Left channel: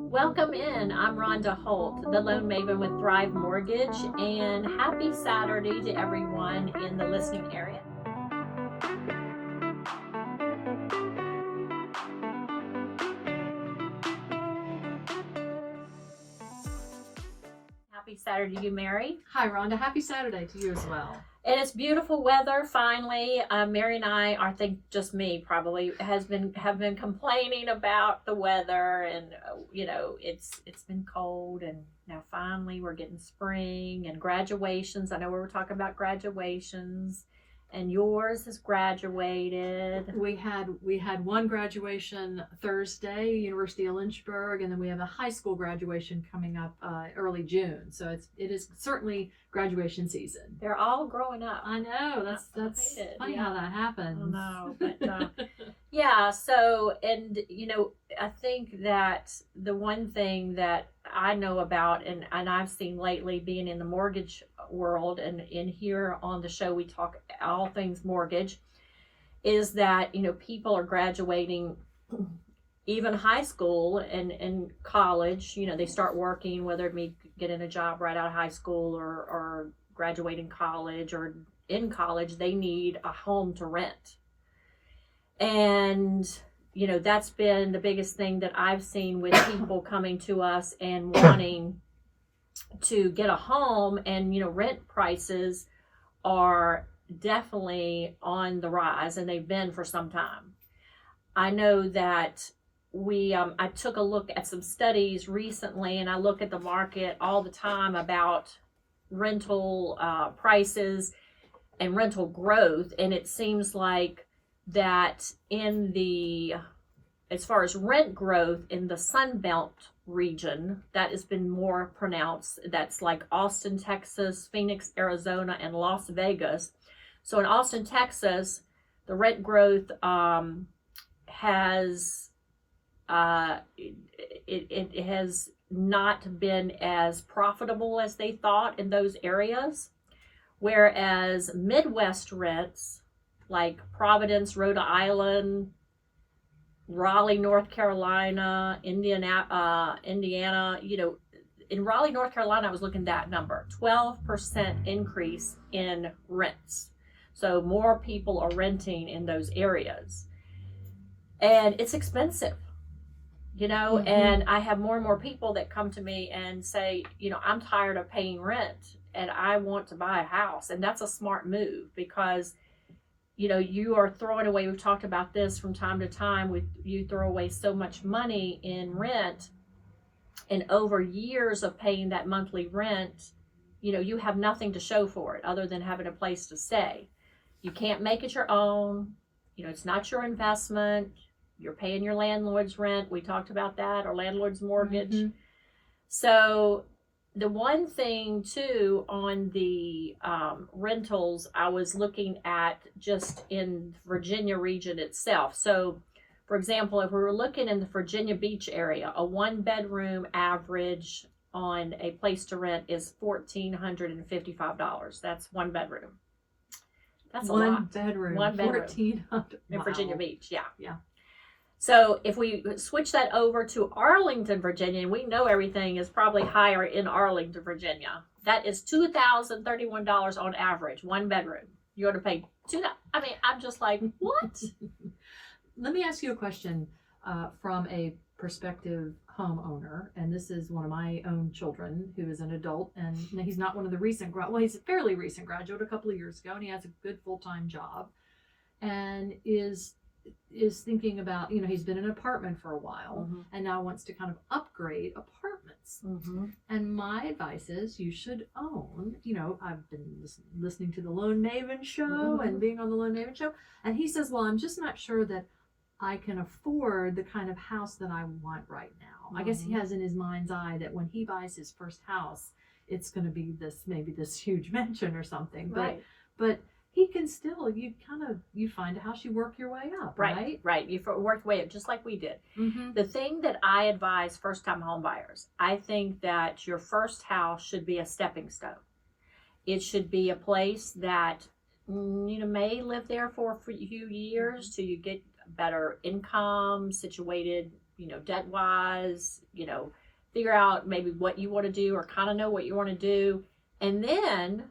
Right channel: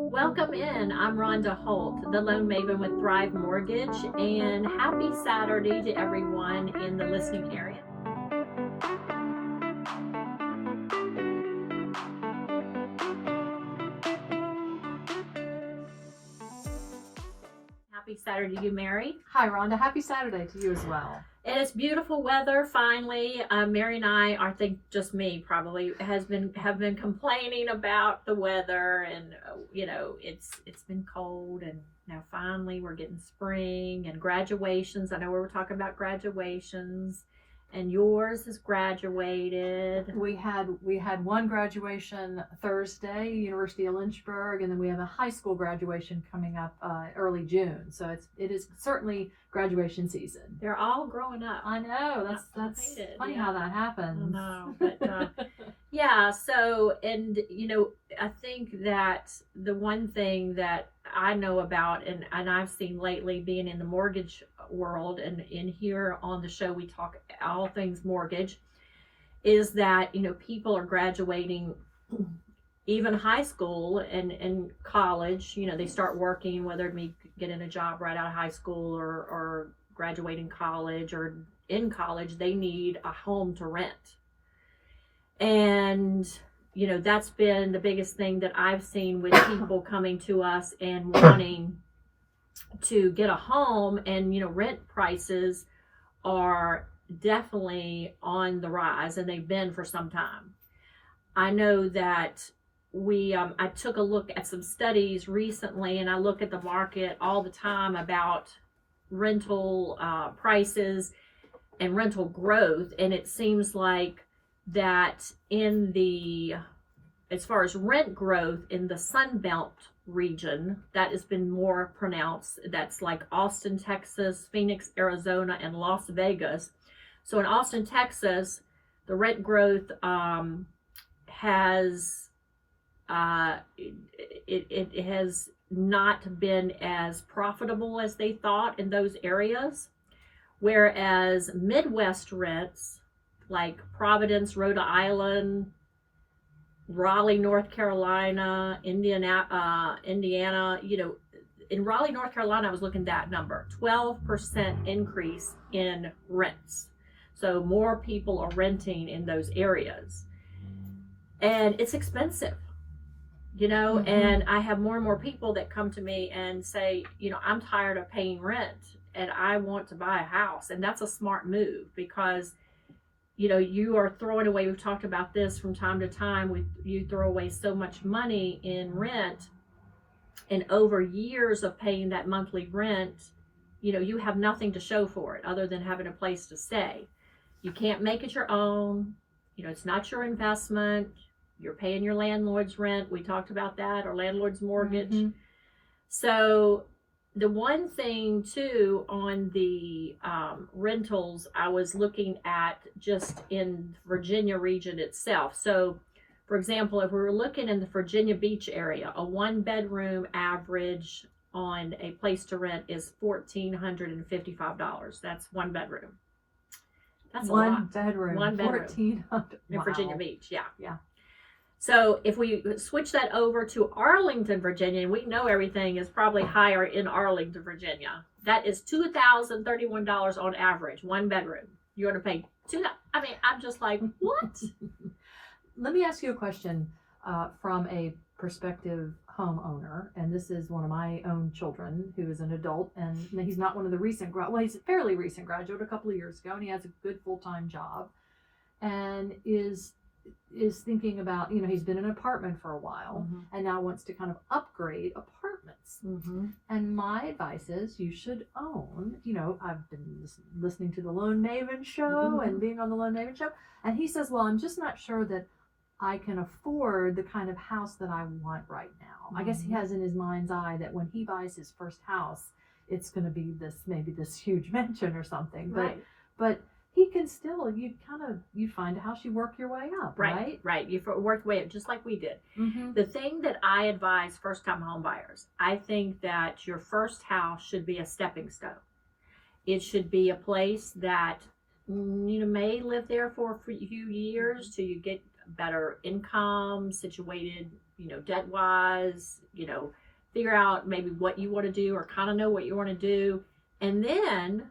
Welcome in. I'm Rhonda Holt, the Loan Maven with Thrive Mortgage, and happy Saturday to everyone in the listening area. Happy Saturday to you, Mary. Hi, Rhonda. Happy Saturday to you as well. And it's beautiful weather finally. Mary and I think just me probably have been complaining about the weather, and it's been cold, and now finally we're getting spring and graduations. I know we were talking about graduations, and yours has graduated. We had one graduation Thursday, University of Lynchburg, and then we have a high school graduation coming up early June. So it is certainly graduation season. They're all growing up. I know, that's funny how that happens. I know, but yeah. So, and I think that the one thing that I know about, and I've seen lately, being in the mortgage world, and in here on the show we talk all things mortgage, is that people are graduating even high school and college. They start working, whether it be getting a job right out of high school or graduating college, or in college they need a home to rent. And that's been the biggest thing that I've seen with people coming to us and wanting to get a home. And rent prices are definitely on the rise, and they've been for some time. I know that I took a look at some studies recently, and I look at the market all the time about rental prices and rental growth, and it seems like that as far as rent growth in the Sun Belt region, that has been more pronounced. That's like Austin, Texas, Phoenix, Arizona, and Las Vegas. So in Austin, Texas, the rent growth has it has not been as profitable as they thought in those areas, whereas Midwest rents like Providence, Rhode Island, Raleigh, North Carolina, Indiana, in Raleigh, North Carolina, I was looking at that number, 12% increase in rents. So more people are renting in those areas, and it's expensive, and I have more and more people that come to me and say, I'm tired of paying rent and I want to buy a house. And that's a smart move, because you are throwing away, we've talked about this from time to time, you throw away so much money in rent, and over years of paying that monthly rent, you have nothing to show for it other than having a place to stay. You can't make it your own. It's not your investment. You're paying your landlord's rent. We talked about that, or landlord's mortgage. Mm-hmm. So the one thing too on the rentals, I was looking at just in Virginia region itself. So for example, if we were looking in the Virginia Beach area, a 1-bedroom average on a place to rent is $1,455. That's one bedroom. That's one a lot. Bedroom. One bedroom. $1,400. In Virginia Beach, yeah. Yeah. So if we switch that over to Arlington, Virginia, and we know everything is probably higher in Arlington, Virginia, that is $2,031 on average, one bedroom. You're going to pay I mean, I'm just like, what? Let me ask you a question from a prospective homeowner, and this is one of my own children who is an adult, and he's not one of the recent he's a fairly recent graduate, a couple of years ago, and he has a good full-time job, and is thinking about, he's been in an apartment for a while, mm-hmm. and now wants to kind of upgrade apartments. Mm-hmm. And my advice is you should own, I've been listening to the Loan Maven Show, mm-hmm. and being on the Loan Maven Show, and he says, well, I'm just not sure that I can afford the kind of house that I want right now. Mm-hmm. I guess he has in his mind's eye that when he buys his first house, it's going to be maybe this huge mansion or something. Right. But he can still, you find a house, you work your way up, right? Right. You work your way up, just like we did. Mm-hmm. The thing that I advise first-time home buyers, I think that your first house should be a stepping stone. It should be a place that you may live there for a few years till you get better income, situated debt wise, figure out maybe what you want to do or kind of know what you want to do, and then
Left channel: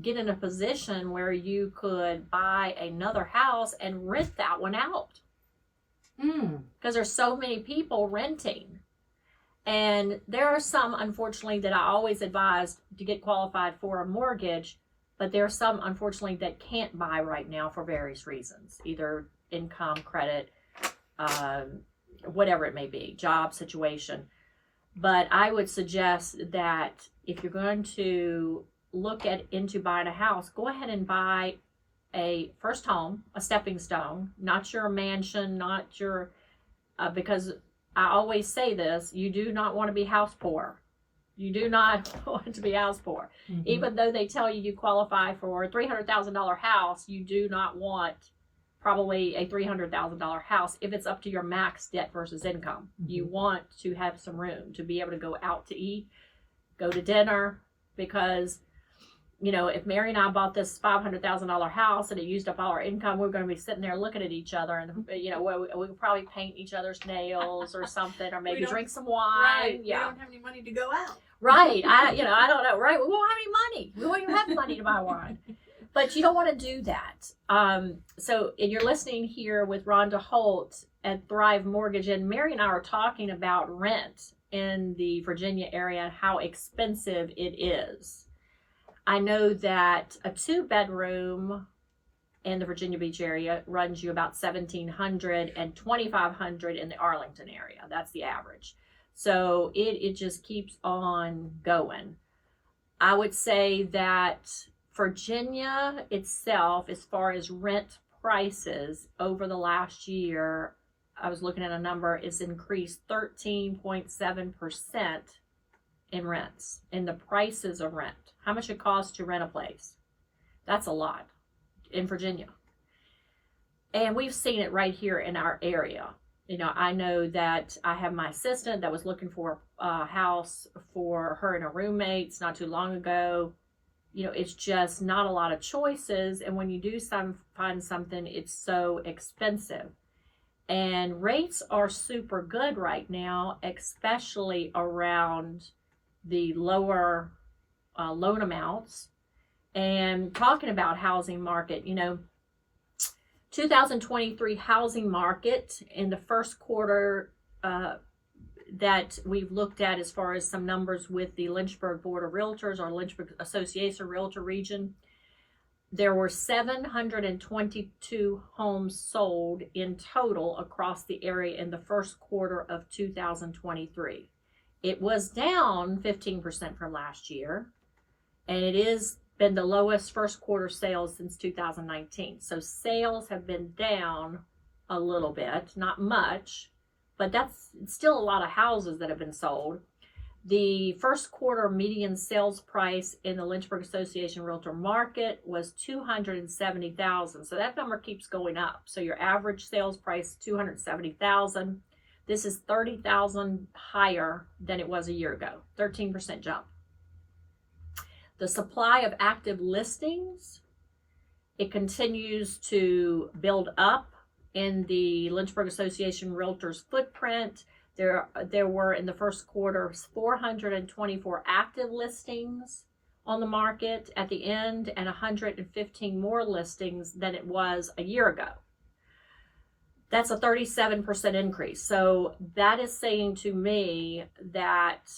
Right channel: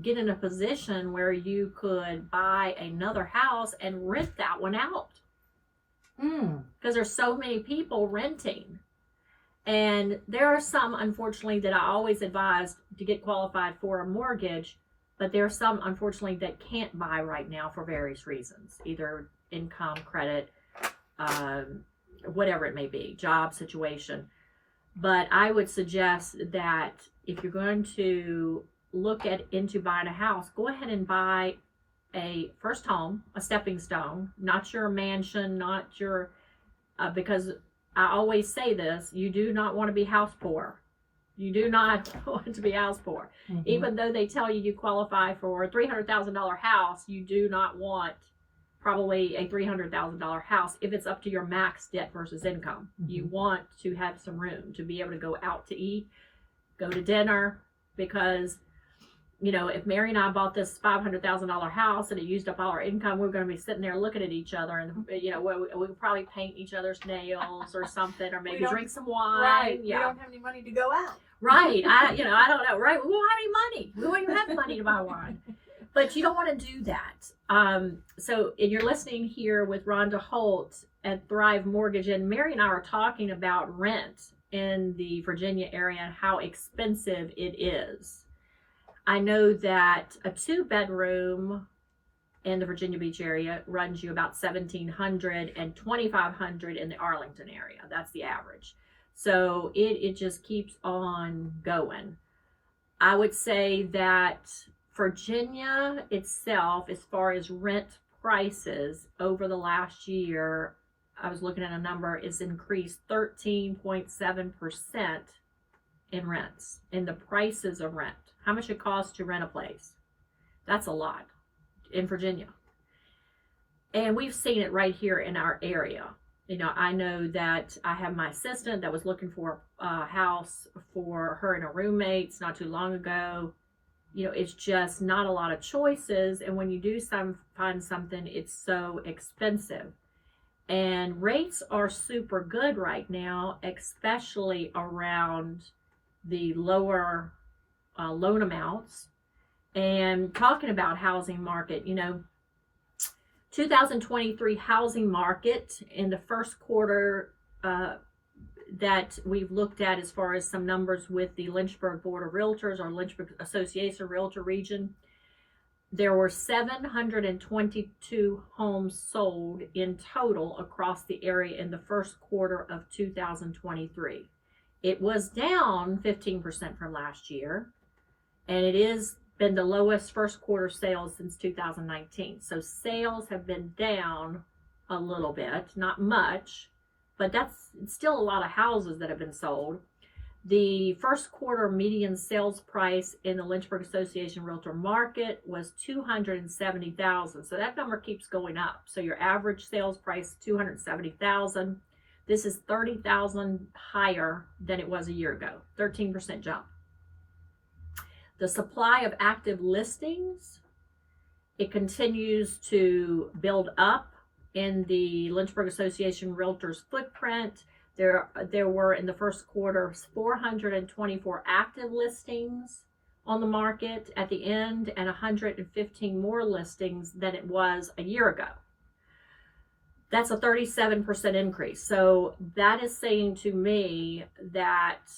get in a position where you could buy another house and rent that one out. Because there's so many people renting. And there are some, unfortunately, that I always advise to get qualified for a mortgage, but there are some, unfortunately, that can't buy right now for various reasons, either income, credit, whatever it may be, job situation. But I would suggest that if you're going to look into buying a house, go ahead and buy a first home, a stepping stone, not your mansion, not your, because I always say this, you do not want to be house poor. You do not want to be house poor. Even though they tell you qualify for a $300,000 house, you do not want probably a $300,000 house if it's up to your max debt versus income. You want to have some room to be able to go out to eat, go to dinner, because if Mary and I bought this $500,000 house and it used up all our income, we're going to be sitting there looking at each other, and we could probably paint each other's nails or something, or maybe drink some wine. Right. Yeah. We don't have any money to go out. Right. I don't know. Right. We won't have any money. We won't even have money to buy wine. But you don't want to do that. And you're listening here with Rhonda Holt at Thrive Mortgage, and Mary and I are talking about rent in the Virginia area and how expensive it is. I know that a 2-bedroom in the Virginia Beach area runs you about $1,700 and $2,500 in the Arlington area. That's the average. So it just keeps on going. I would say that Virginia itself, as far as rent prices over the last year, I was looking at a number, it's increased 13.7% in rents, in the prices of rent. How much it costs to rent a place. That's a lot in Virginia. And we've seen it right here in our area. I know that I have my assistant that was looking for a house for her and her roommates not too long ago. It's just not a lot of choices. And when you do find something, it's so expensive. And rates are super good right now, especially around the lower loan amounts. And talking about housing market, 2023 housing market in the first quarter that we've looked at, as far as some numbers with the Lynchburg Board of Realtors or Lynchburg Association Realtor Region, there were 722 homes sold in total across the area in the first quarter of 2023. It was down 15% from last year, and it has been the lowest first quarter sales since 2019. So sales have been down a little bit, not much, but that's still a lot of houses that have been sold. The first quarter median sales price in the Lynchburg Association Realtor market was $270,000. So that number keeps going up. So your average sales price, $270,000. This is $30,000 higher than it was a year ago, 13% jump. The supply of active listings, it continues to build up in the Lynchburg Association Realtors footprint. There were in the first quarter 424 active listings on the market at the end, and 115 more listings than it was a year ago. That's a 37% increase. So that is saying to me that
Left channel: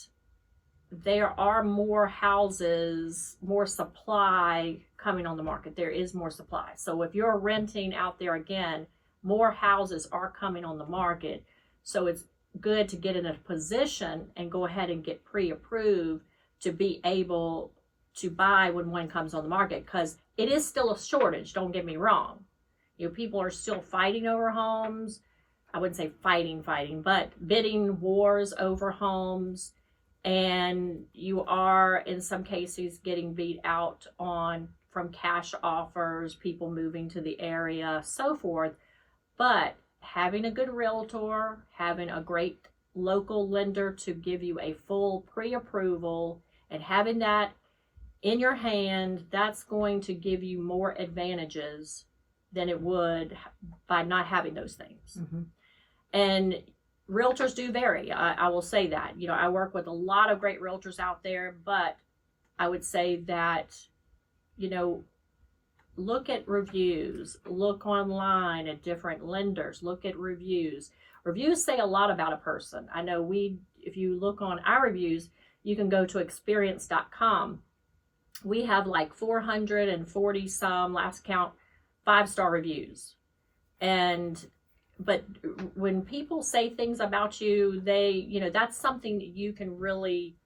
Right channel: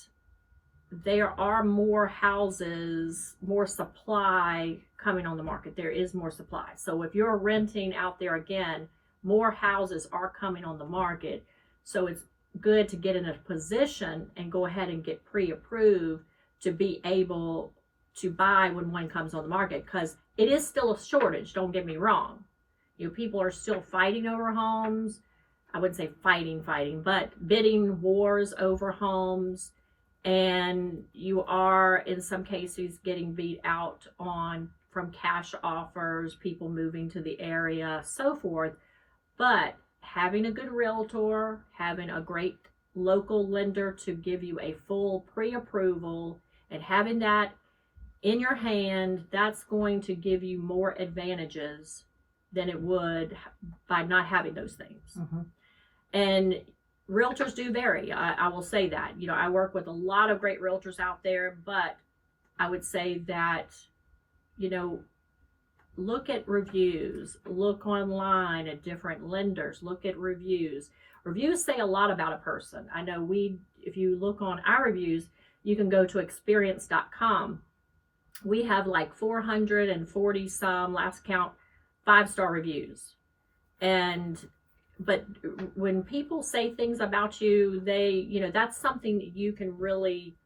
there are more houses, more supply coming on the market. There is more supply. So if you're renting out there, again, more houses are coming on the market. So it's good to get in a position and go ahead and get pre-approved to be able to buy when one comes on the market, because it is still a shortage. Don't get me wrong. People are still fighting over homes. I wouldn't say fighting, but bidding wars over homes. And you are, in some cases, getting beat out from cash offers, people moving to the area, so forth. But having a good realtor, having a great local lender to give you a full pre-approval, and having that in your hand, that's going to give you more advantages than it would by not having those things. And realtors do vary. I will say that. You know, I work with a lot of great realtors out there, but I would say that, you know, look at reviews, look online at different lenders, look at reviews. Reviews say a lot about a person. I know if you look on our reviews, you can go to experience.com. We have like 440 some, last count, 5-star reviews. But when people say things about you, that's something that you can really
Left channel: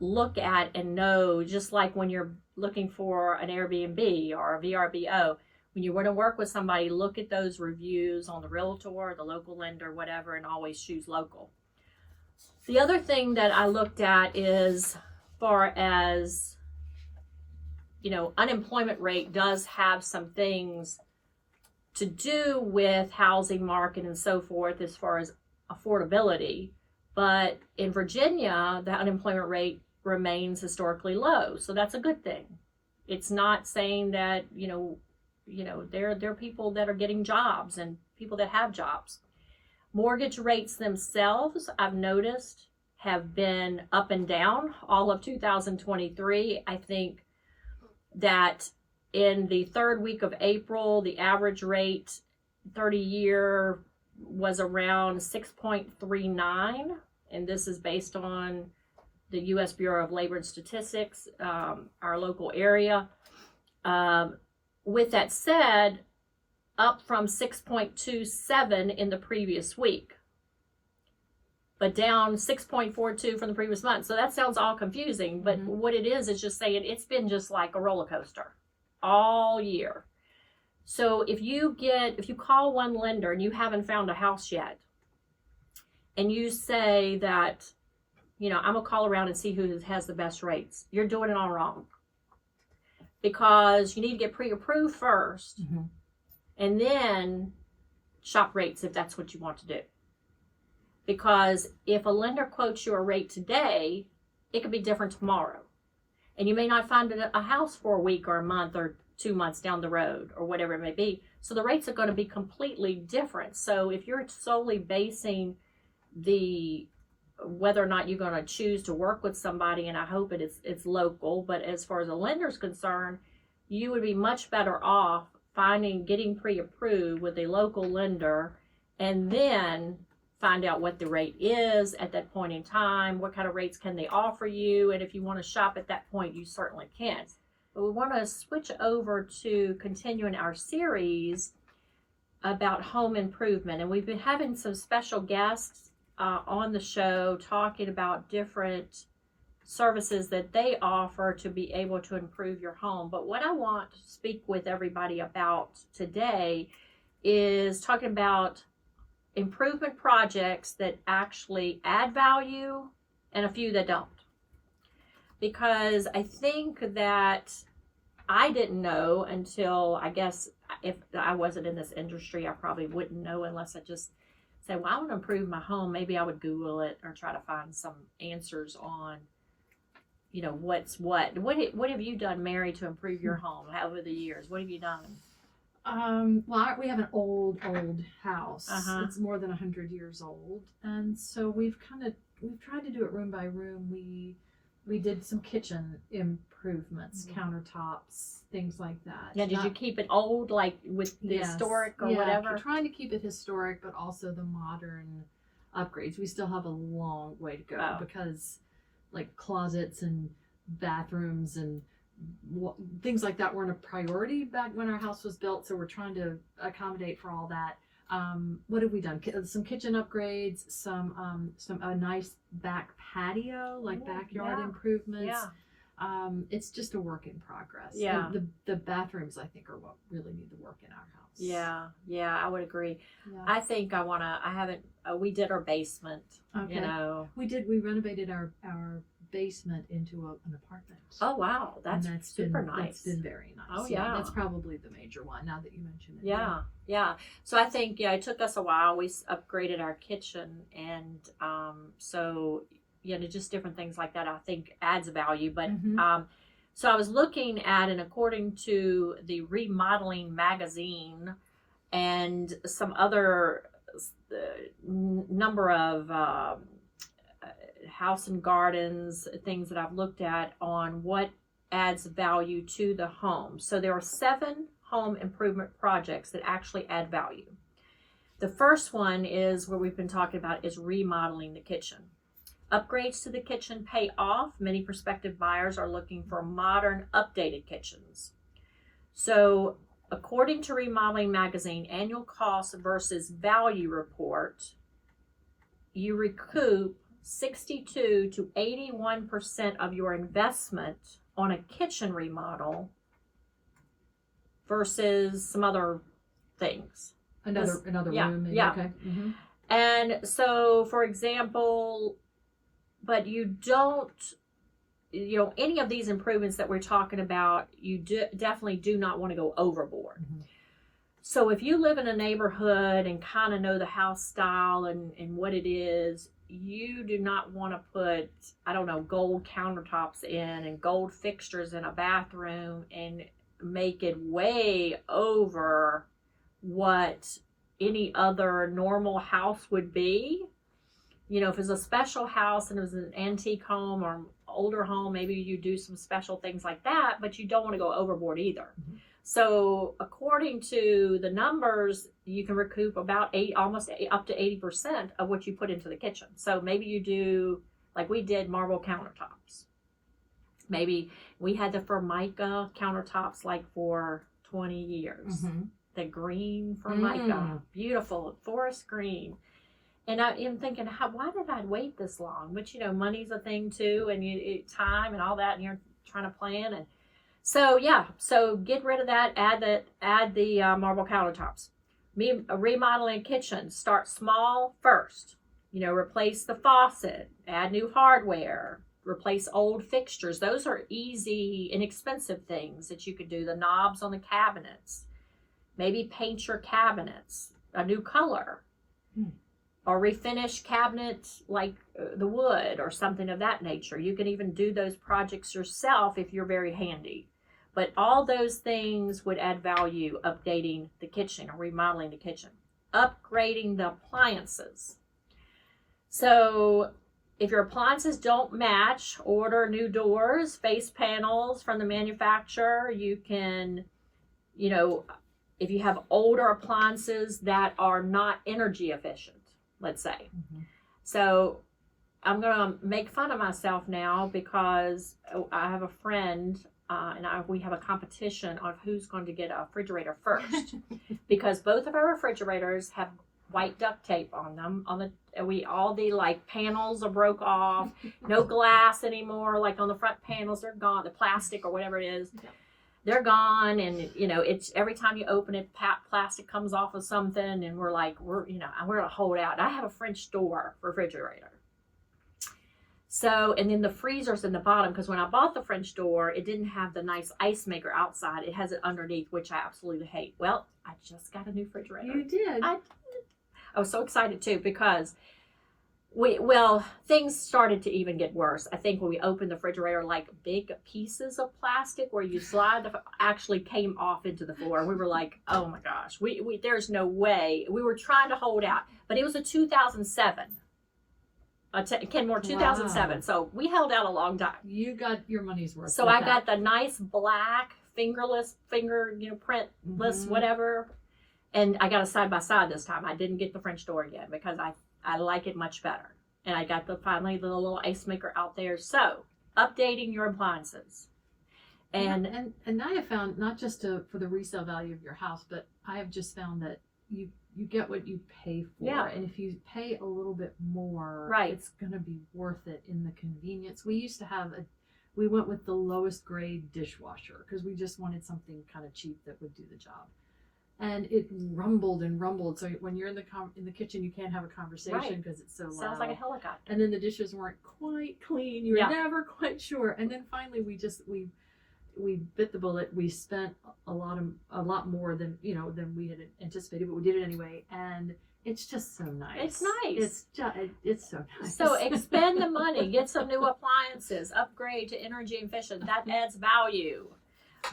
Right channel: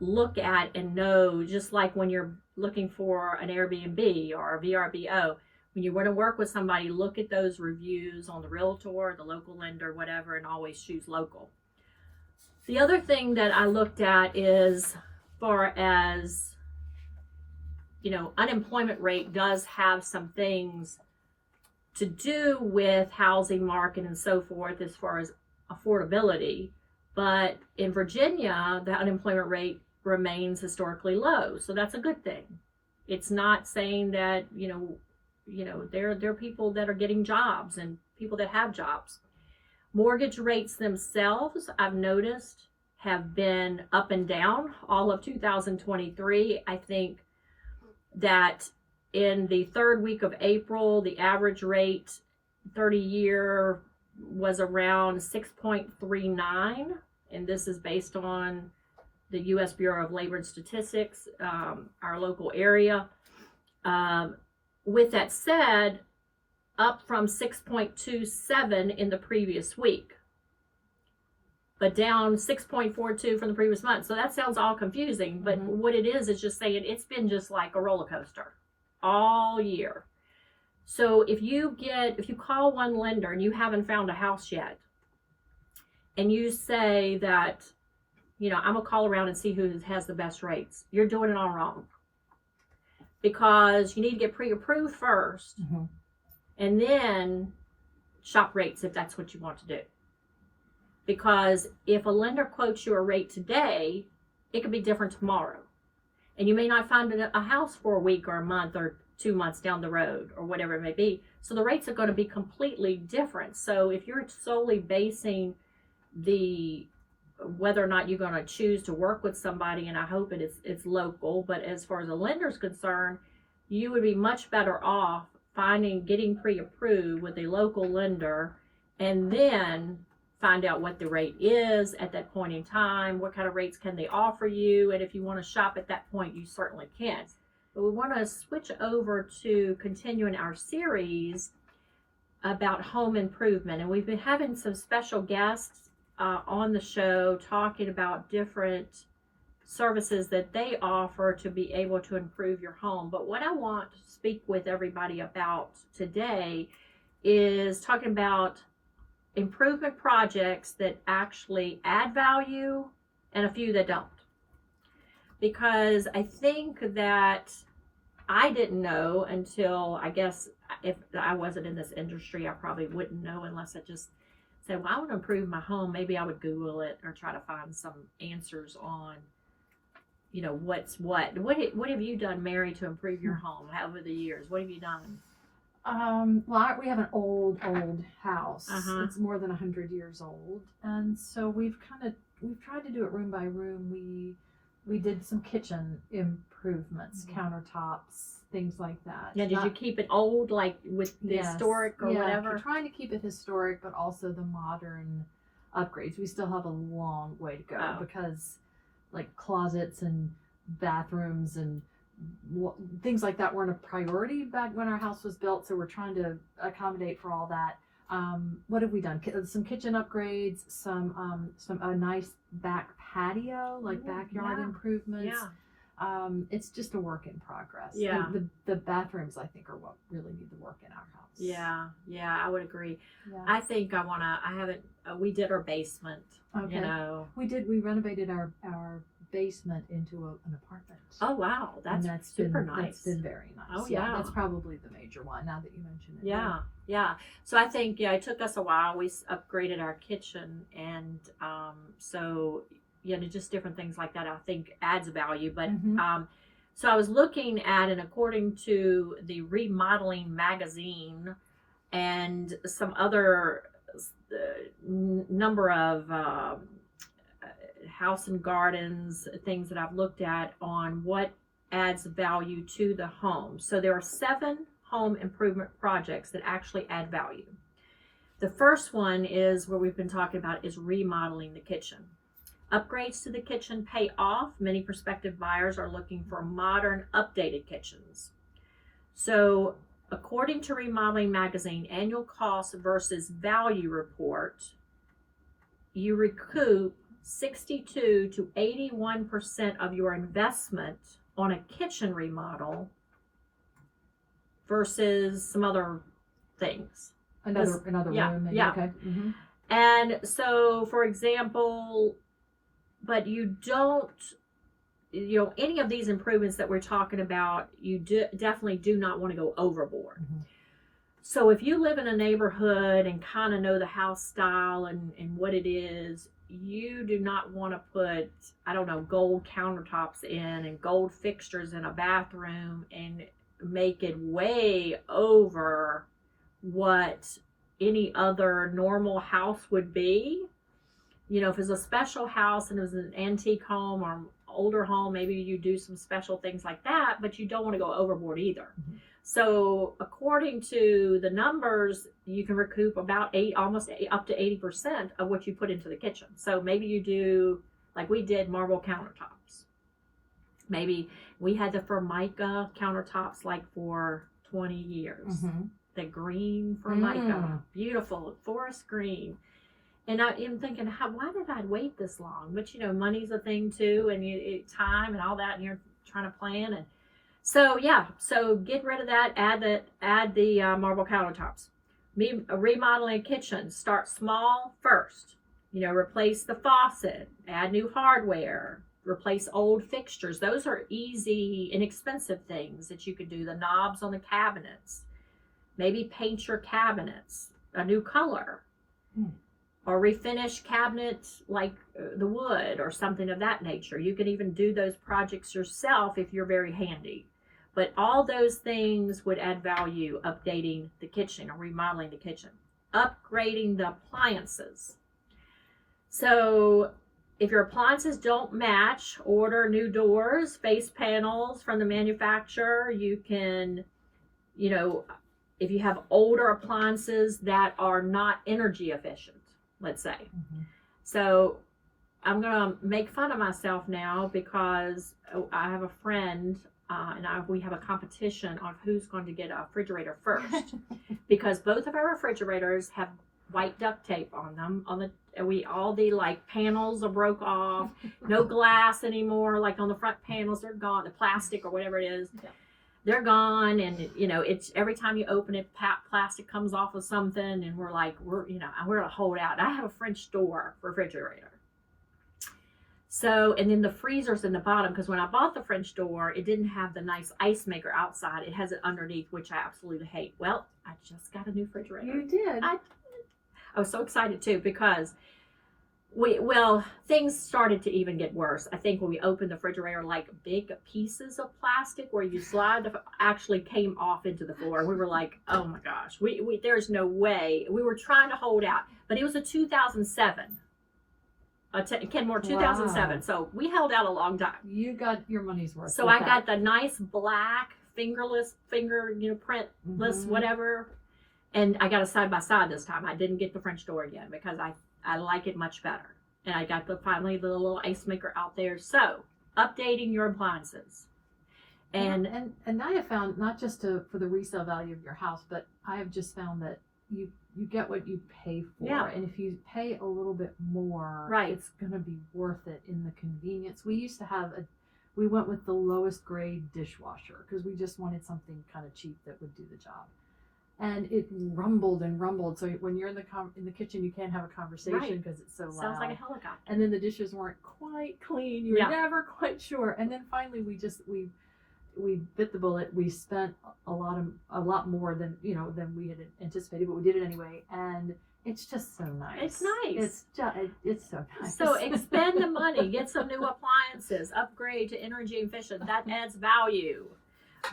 look at and know, just like when you're looking for an Airbnb or a VRBO. When you want to work with somebody, look at those reviews on the realtor, the local lender, whatever, and always choose local. The other thing that I looked at is, far as, you know, unemployment rate does have some things to do with housing market and so forth as far as affordability. But in Virginia, the unemployment rate remains historically low. So that's a good thing. It's not saying that, there are people that are getting jobs and people that have jobs. Mortgage rates themselves, I've noticed, have been up and down all of 2023. I think that in the third week of April, the average rate 30-year was around 6.39, and this is based on the U.S. Bureau of Labor and Statistics, our local area. With that said, up from 6.27 in the previous week, but down 6.42 from the previous month. So that sounds all confusing, but what it is just saying it's been just like a roller coaster all year. So if you call one lender and you haven't found a house yet, and you say that, I'm gonna call around and see who has the best rates, you're doing it all wrong. Because you need to get pre-approved first, and then shop rates if that's what you want to do. Because if a lender quotes you a rate today, it could be different tomorrow. And you may not find a house for a week or a month or 2 months down the road or whatever it may be. So the rates are going to be completely different. So if you're solely basing whether or not you're going to choose to work with somebody, and I hope it's local, but as far as a lender's concerned, you would be much better off getting pre-approved with a local lender, and then find out what the rate is at that point in time, what kind of rates can they offer you, and if you want to shop at that point, you certainly can. But we want to switch over to continuing our series about home improvement, and we've been having some special guests on the show talking about different services that they offer to be able to improve your home. But what I want to speak with everybody about today is talking about improvement projects that actually add value and a few that don't. Because I think that I didn't know until, I guess, if I wasn't in this industry, I probably wouldn't know unless I just say, well, I want to improve my home. Maybe I would Google it or try to find some answers on, what's what. What have you done, Mary, to improve your home over the years? What have you done? Well, we have an old house. It's more than 100 years old. And so we've tried to do it room by room. We did some kitchen improvements, countertops, things like that. Yeah, did you keep it old, like with the historic or whatever? We're trying to keep it historic, but also the modern upgrades. We still have a long way to go because like closets and bathrooms and things like that weren't a priority back when our house was built. So we're trying to accommodate for all that. What have we done? Some kitchen upgrades, a nice back patio, like backyard improvements. Yeah. It's just a work in progress. Yeah. And the bathrooms, I think, are what really need the work in our house. Yeah, I would agree. Yeah. I think we did our basement. Okay. We renovated our basement into an apartment. Oh, wow. That's super nice. That's been very nice. Oh, yeah. That's probably the major one now that you mention it. Yeah. So I think, it took us a while. We upgraded our kitchen, and just different things like that I think adds value. But so I was looking at, and according to the Remodeling magazine and some other number of house and gardens, things that I've looked at on what adds value to the home. So there are 7 home improvement projects that actually add value. The first one is what we've been talking about, is remodeling the kitchen. Upgrades to the kitchen pay off. Many prospective buyers are looking for modern, updated kitchens. So according to Remodeling Magazine annual cost versus value report, you recoup 62 to 81% of your investment on a kitchen remodel versus some other things. Another room. Maybe. Yeah. Okay. Mm-hmm. And so, for example, but you don't, any of these improvements that we're talking about, you definitely do not want to go overboard. Mm-hmm. So if you live in a neighborhood and kind of know the house style and what it is, you do not want to put, gold countertops in and gold fixtures in a bathroom and make it way over what any other normal house would be. If it's a special house and it was an antique home or older home, maybe you do some special things like that, but you don't want to go overboard either. Mm-hmm. So according to the numbers, you can recoup about almost up to 80% of what you put into the kitchen. So maybe you do, like we did, marble countertops. Maybe we had the Formica countertops like for 20 years. Mm-hmm. The green Formica, beautiful forest green. And I am thinking, why did I wait this long? But money's a thing too, and time and all that, and you're trying to plan. And so get rid of that. Add the marble countertops. Remodeling a kitchen. Start small first. Replace the faucet. Add new hardware. Replace old fixtures. Those are easy, inexpensive things that you could do. The knobs on the cabinets. Maybe paint your cabinets a new color. Or refinish cabinets like the wood or something of that nature. You can even do those projects yourself if you're very handy. But all those things would add value, updating the kitchen or remodeling the kitchen. Upgrading the appliances. So if your appliances don't match, order new doors, face panels from the manufacturer. You can, if you have older appliances that are not energy efficient, let's say. Mm-hmm. So I'm going to make fun of myself now because I have a friend and we have a competition of who's going to get a refrigerator first because both of our refrigerators have white duct tape on them. All the like panels are broke off, no glass anymore, like on the front panels, they're gone, the plastic or whatever it is. Okay. They're gone, and it's every time you open it, plastic comes off of something, and we're gonna hold out. I have a French door refrigerator, so and then the freezer's in the bottom because when I bought the French door, it didn't have the nice ice maker outside. It has it underneath, which I absolutely hate. Well, I just got a new refrigerator. You did. I was so excited too because things started to even get worse. I think when we opened the refrigerator, like big pieces of plastic where you slide actually came off into the floor. We were like, oh my gosh, there's no way. We were trying to hold out, but it was a 2007. Kenmore 2007. Wow. So we held out a long time. You got your money's worth. So I got the nice black printless, whatever. And I got a side-by-side this time. I didn't get the French door again because I like it much better. And I got finally the little ice maker out there. So, updating your appliances. And I have found, not just for the resale value of your house, but I have just found that you get what you pay for. Yeah. And if you pay a little bit more, right, it's going to be worth it in the convenience. We used to have we went with the lowest grade dishwasher because we just wanted something kind of cheap that would do the job. And it rumbled and rumbled. So when you're in the kitchen, you can't have a conversation because it's so loud. Sounds like a helicopter. And then the dishes weren't quite clean. You were never quite sure. And then finally, we bit the bullet. We spent a lot more than we had anticipated, but we did it anyway. And it's just so nice. It's nice. It's so nice. So expend the money, get some new appliances, upgrade to energy efficient. That adds value.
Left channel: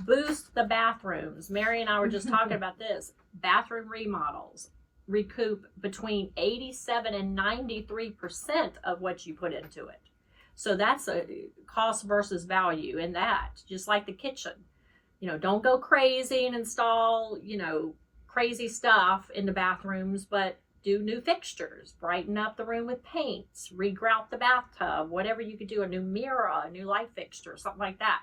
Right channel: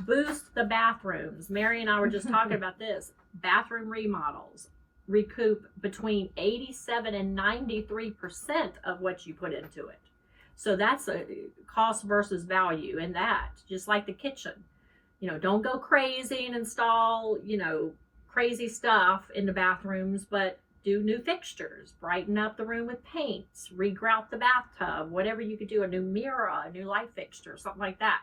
Boost the bathrooms. Mary and I were just talking about this. Bathroom remodels. recoup between 87 and 93% of what you put into it. So that's a cost versus value in that, just like the kitchen. Don't go crazy and install, crazy stuff in the bathrooms, but do new fixtures, brighten up the room with paints, regrout the bathtub, whatever you could do, a new mirror, a new light fixture, something like that.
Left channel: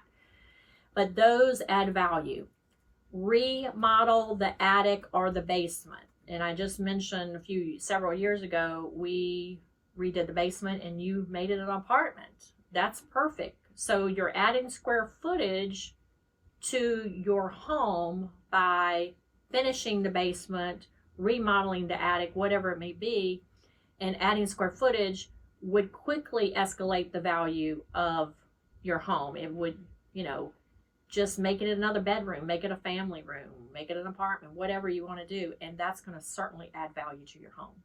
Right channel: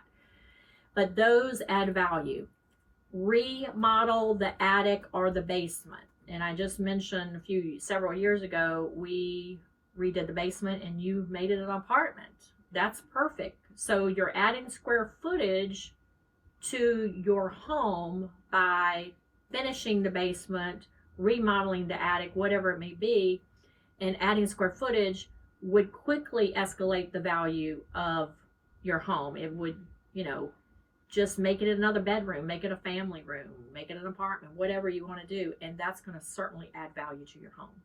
But those add value. Remodel the attic or the basement. And I just mentioned several years ago, we redid the basement and you made it an apartment. That's perfect. So you're adding square footage to your home by finishing the basement, remodeling the attic, whatever it may be, and adding square footage would quickly escalate the value of your home. It would, just make it another bedroom, make it a family room, make it an apartment, whatever you want to do, and that's going to certainly add value to your home.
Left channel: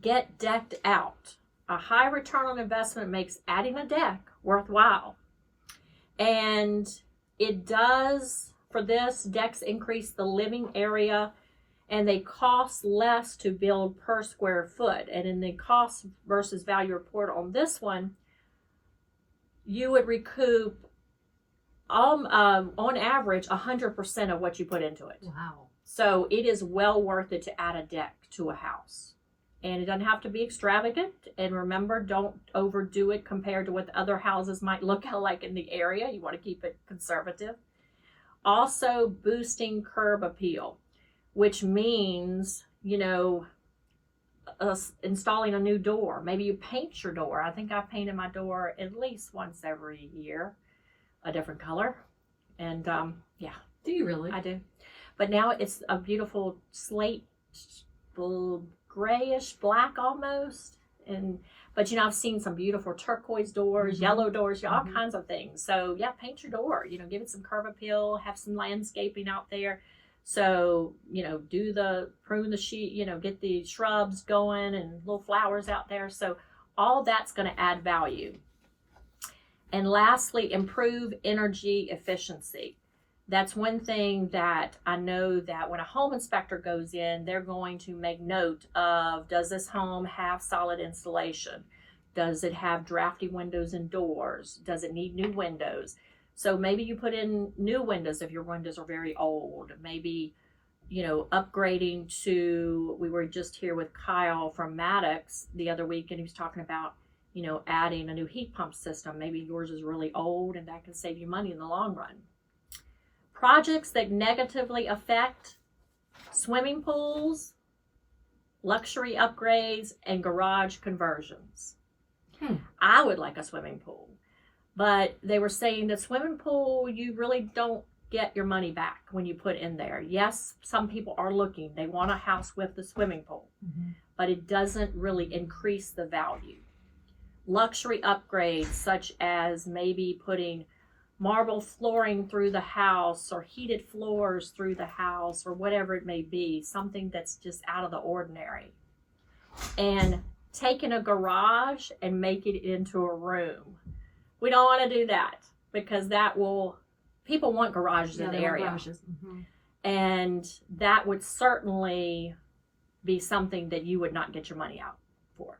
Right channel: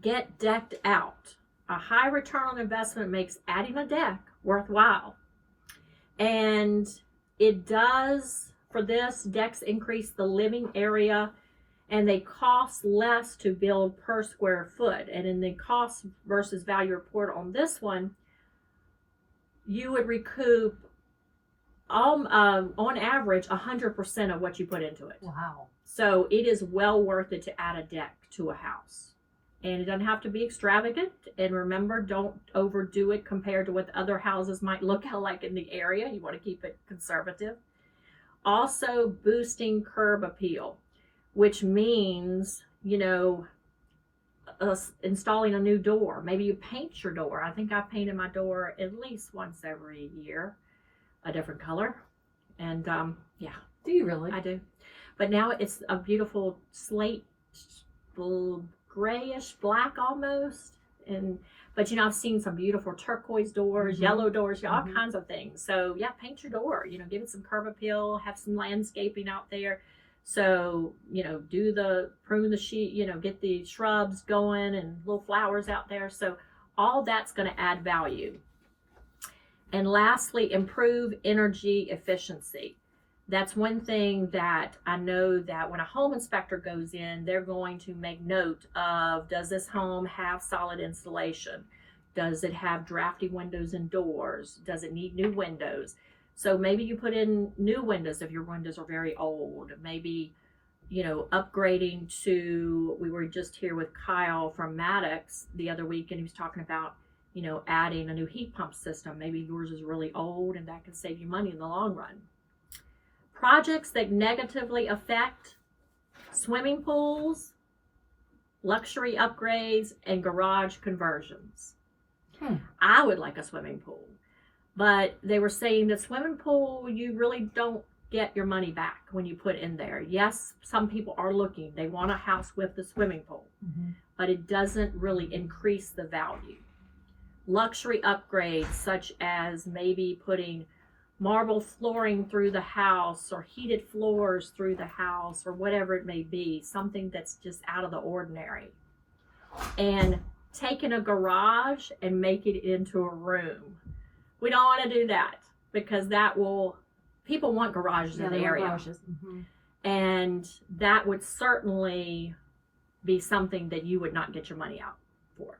Get decked out. A high return on investment makes adding a deck worthwhile. And it does, for this, decks increase the living area and they cost less to build per square foot. And in the cost versus value report on this one, you would recoup on average 100% of what you put into it. Wow. So it is well worth it to add a deck to a house. And it doesn't have to be extravagant. And remember, don't overdo it compared to what other houses might look like in the area. You want to keep it conservative. Also, boosting curb appeal, which means, installing a new door. Maybe you paint your door. I think I've painted my door at least once every year, a different color. And yeah. Do you really? I do. But now it's a beautiful slate, grayish black almost. But I've seen some beautiful turquoise doors, yellow doors, all kinds of things. So yeah, paint your door, give it some curb appeal, have some landscaping out there. So, prune the sheet, get the shrubs going and little flowers out there. So all that's going to add value. And lastly, improve energy efficiency. That's one thing that I know that when a home inspector goes in, they're going to make note of, does this home have solid insulation? Does it have drafty windows and doors? Does it need new windows? So maybe you put in new windows if your windows are very old. Maybe, upgrading to, we were just here with Kyle from Maddox the other week, and he was talking about, adding a new heat pump system. Maybe yours is really old and that can save you money in the long run. Projects that negatively affect swimming pools, luxury upgrades, and garage conversions. I would like a swimming pool, but they were saying that swimming pool, you really don't get your money back when you put in there. Yes, some people are looking. They want a house with the swimming pool, but it doesn't really increase the value. Luxury upgrades, such as maybe putting marble flooring through the house or heated floors through the house or whatever it may be, something that's just out of the ordinary. And taking a garage and make it into a room. We don't want to do that because people want garages in the area. And that would certainly be something that you would not get your money out for.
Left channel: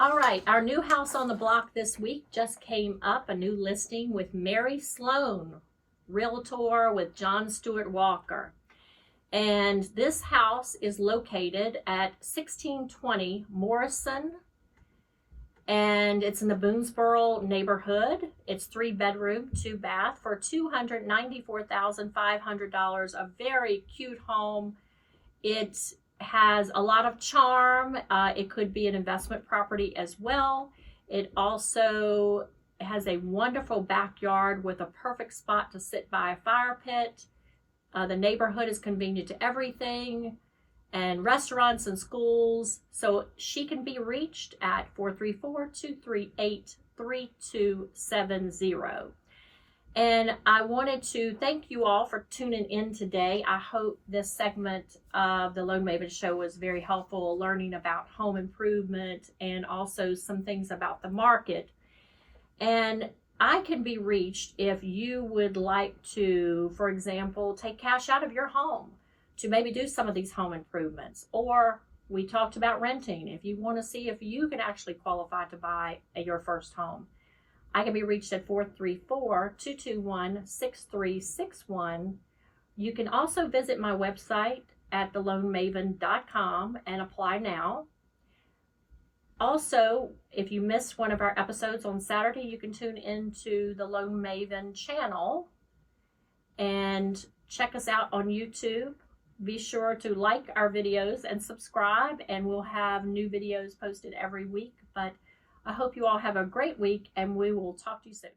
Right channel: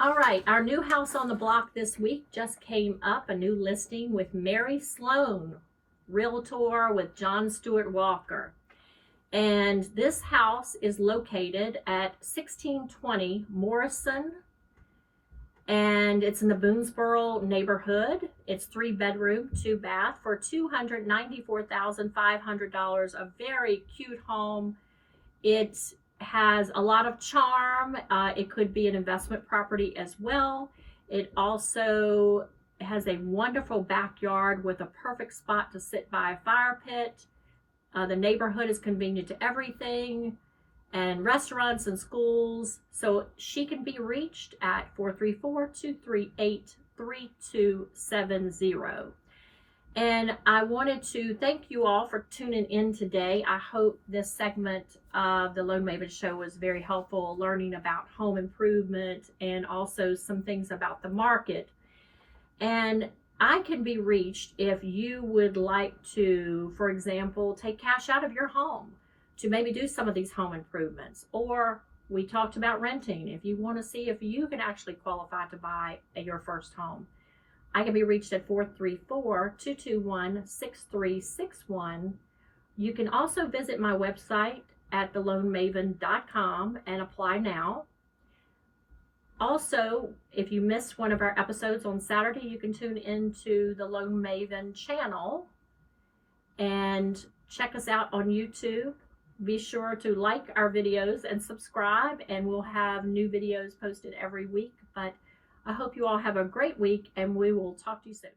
All right, our new house on the block this week just came up, a new listing with Mary Sloan, Realtor with John Stewart Walker. And this house is located at 1620 Morrison, and it's in the Boonesboro neighborhood. It's 3-bedroom, 2-bath for $294,500, a very cute home. It has a lot of charm. It could be an investment property as well. It also has a wonderful backyard with a perfect spot to sit by a fire pit. The neighborhood is convenient to everything, and restaurants and schools. So she can be reached at 434-238-3270. And I wanted to thank you all for tuning in today. I hope this segment of the Loan Maven Show was very helpful, learning about home improvement and also some things about the market. And I can be reached if you would like to, for example, take cash out of your home to maybe do some of these home improvements. Or we talked about renting. If you want to see if you can actually qualify to buy your first home, I can be reached at 434-221-6361. You can also visit my website at theloanmaven.com and apply now. Also, if you missed one of our episodes on Saturday, you can tune into the Loan Maven channel and check us out on YouTube. Be sure to like our videos and subscribe, and we'll have new videos posted every week. But I hope you all have a great week, and we will talk to you soon.